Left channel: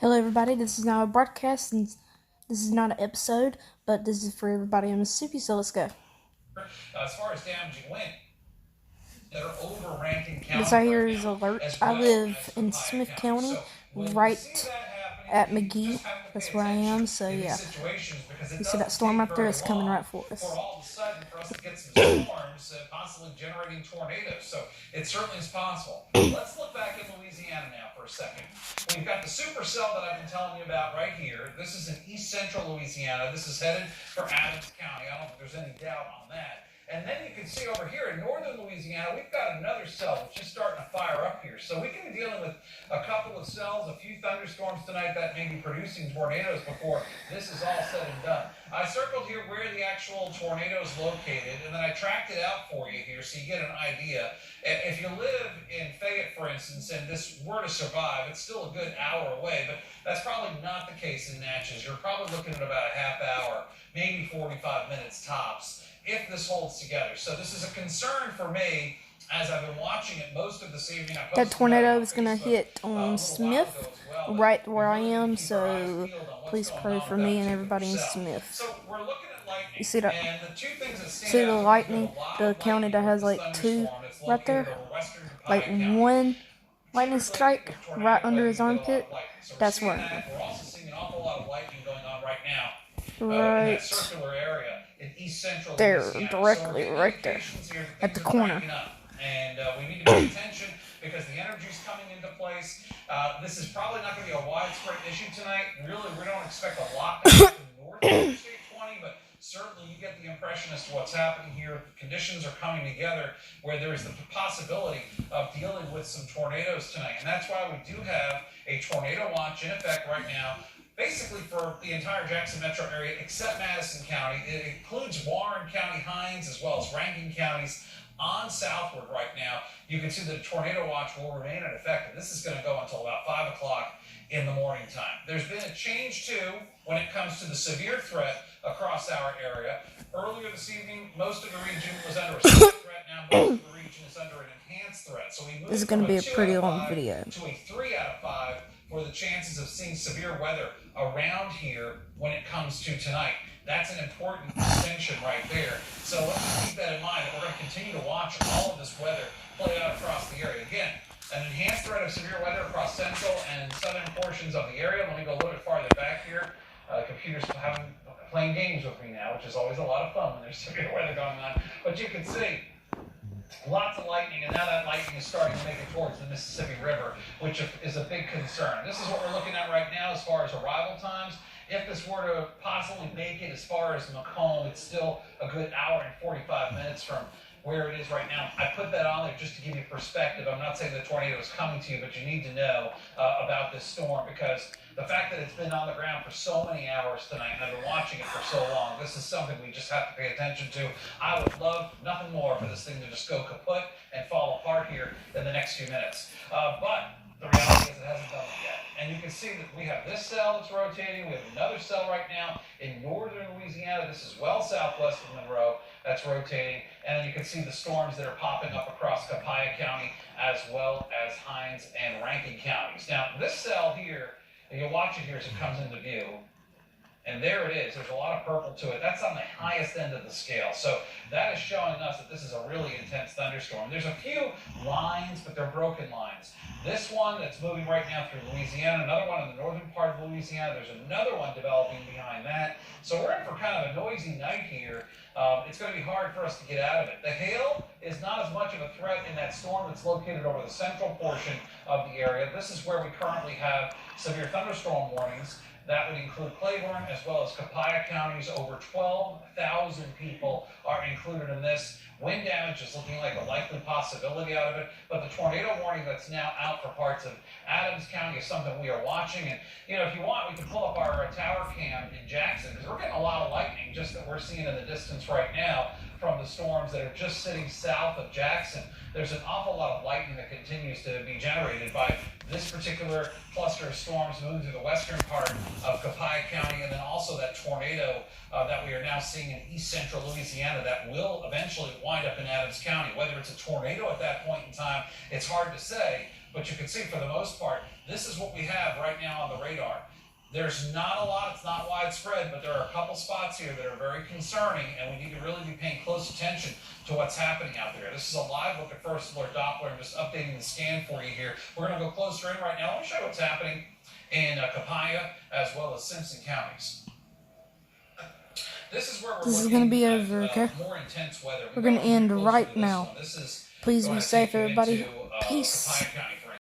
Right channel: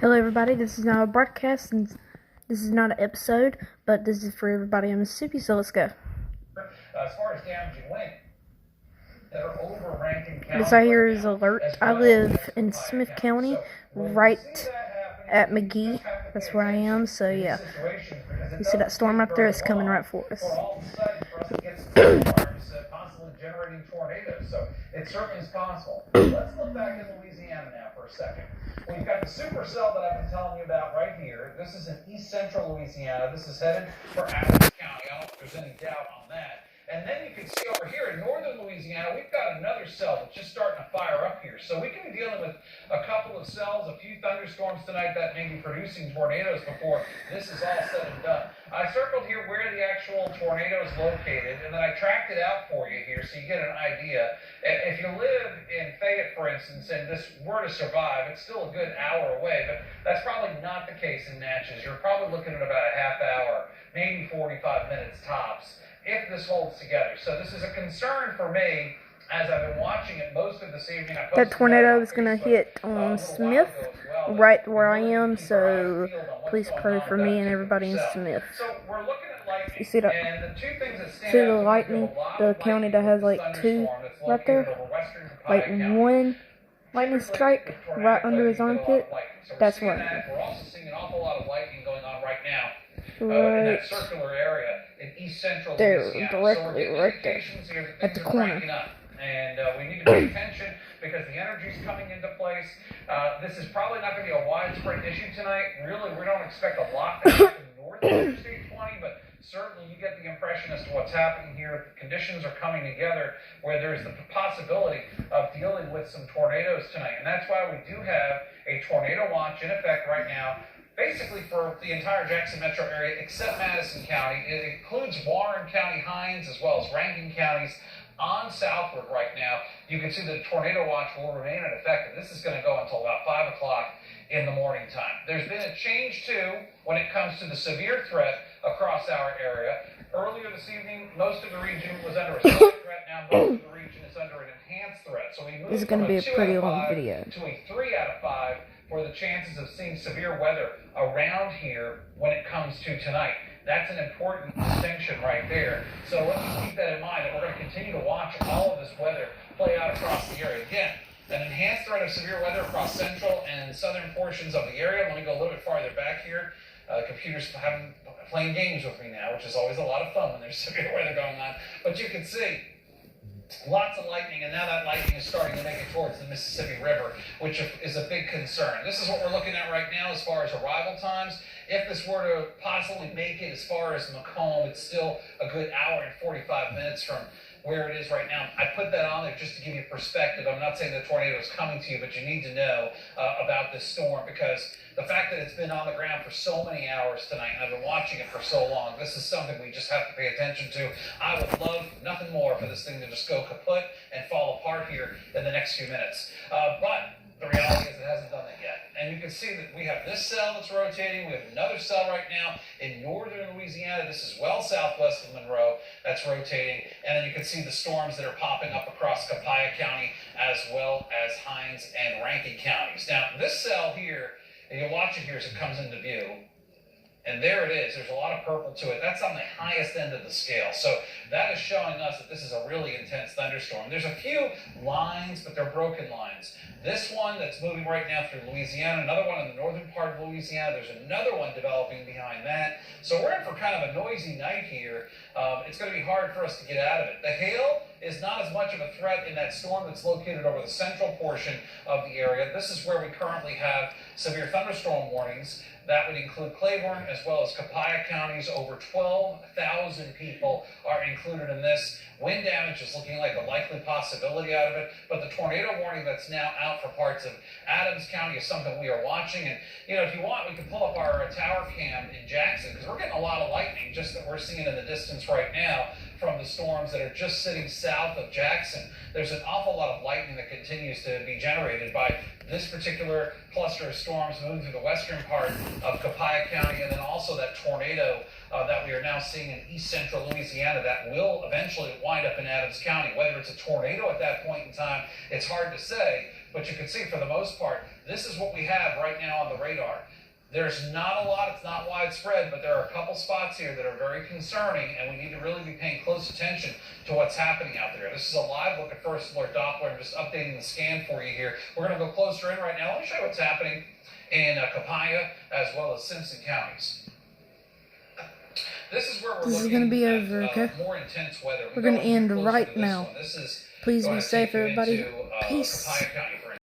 Hello everybody, this is not a broadcast and this is not an episode, but this is for everybody in Mississippi, so let's go. As far as damaging wind, they're over Rankin County. This right here is alert. I live in Smith County, right at McGee. That's where I am, so yeah. You see that storm right there? It's coming right for us. All of a sudden, for us to get some storms, possibly generating tornadoes. So it certainly is possible. Let's look back in Louisiana now for a second. We've got the supercell that I've been telling you about right here. This is in east central Louisiana. This is headed for Adams County. I don't think there's any doubt on that. And then you can see over here in northern Louisiana, we've got another cell that's just starting to fire up here. So we can be dealing with a couple of cells, a few thunderstorms tonight that may be producing tornadoes before this is all said and done. I circled here where the actual tornado is located, and then I tracked it out for you here so you get an idea. If you live in Fayette, for instance, and this were to survive, it's still a good hour away, but that's probably not the case in Natchez. You're probably looking at about a half hour, maybe 45 minutes tops, if this holds together. So this is a concern for me as I've been watching it most of this evening. That tornado is going to hit Smith, right where I am, so please pray for me and everybody in Smith. So we're looking at lightning. You see that? And the two things that stand See the out lightning? The county that has like two right there? Like one lightning strike right under his armpit? That's where I am. We're also seeing an awful lot of lightning going on right now. Right In that circular area in east central there, Louisiana. directly, So right there, at the corner. And we need to pay attention because the energy's coming into place. This is probably not going to be a widespread issue tonight. Really, we don't expect a lot to happen north of Interstate 20, but certainly you get the impression as to what's happening here. The conditions are coming together where there is the possibility of dealing with some tornadoes tonight. And that's why we do have a tornado watch in effect right now, basically for the entire Jackson metro area except Madison County. It includes Warren County, Hinds, as well as Rankin counties on southward right now. You can see the tornado watch will remain in effect, and this is going to go until about 5 o'clock in the morning time. There's been a change, too, when it comes to the severe threat across our area. Earlier this evening, most of the region was under a severe threat. Now most of the region is under an enhanced threat. So we moved This is going to be a pretty long video. To a 3 out of 5 for the chances of seeing severe weather around here when it comes to tonight. That's an important distinction right there. So let's keep that in mind, that we're going to continue to watch all of this weather play out across the area. Again, an enhanced threat of severe weather across central and southern portions of the area. Let me go a little bit farther back here. Computers playing games with me now, which is always a lot of fun when there's severe weather going on. But you can see lots of lightning, and now that lightning is starting to make it towards the Mississippi River, which is a big concern. This is what we're looking at right now as far as arrival times. If this were to possibly make it as far as Macomb, it's still a good hour and 45 minutes from where it is right now. I put that on there just to give you perspective. I'm not saying the tornado is coming to you, but you need to know about this storm, because the fact that it's been on the ground for so many hours tonight, and I've been watching it for so long, this is something we just have to pay attention to. I would love nothing more for this thing to just go kaput and fall apart here in the next few minutes. But the reality is it hasn't done it yet. And you can see that we have this cell that's rotating. We have another cell right now in northern Louisiana. This is well southwest of Monroe that's rotating. And then you can see the storms that are popping up across Copiah County as well as Hinds and Rankin counties. Now, this cell here, and you'll watch it here as it comes into view. And there it is. There's a lot of purple to it. That's on the highest end of the scale. So that is showing us that this is a really intense thunderstorm. There's a few lines, but they're broken lines. This one that's moving right now through Louisiana, another one in the northern part of Louisiana. There's another one developing behind that. So we're in for kind of a noisy night here. It's going to be hard for us to get out of it. The hail is not as much of a threat in that storm that's located over the central portion of the area. This is where we currently have severe thunderstorm warnings. That would include Claiborne as well as Copiah counties. Over 12,000 people are included in this. Wind damage is looking like a likely possibility out of it, but the tornado warning that's now out for parts of Adams County is something we are watching. And, you know, if you want, we can pull up our tower cam in Jackson, because we're getting a lot of lightning just that we're seeing in the distance right now from the storms that are just sitting south of Jackson. There's an awful lot of lightning that continues to be generated by this particular cluster of storms moving through the western part of Copiah County, and then also that tornado that we are now seeing in east central Louisiana that will eventually wind up in Adams County. Whether it's a tornado at that point in time, it's hard to say, But you can see for the most part, this is what we have right now on the radar. There's not a lot, it's not widespread, but there are a couple spots here that are very concerning, and we need to really be paying close attention to what's happening out there. This is a live look at First Alert Doppler. I'm just updating the scan for you here. We're going to go closer in right now. Let me show you what's happening in Copiah as well as Simpson counties. This is where This is going to be over, okay? More intense weather. We're going to end right This now. one. This is Please going be to safe, take you everybody. into, Peace. Copiah County.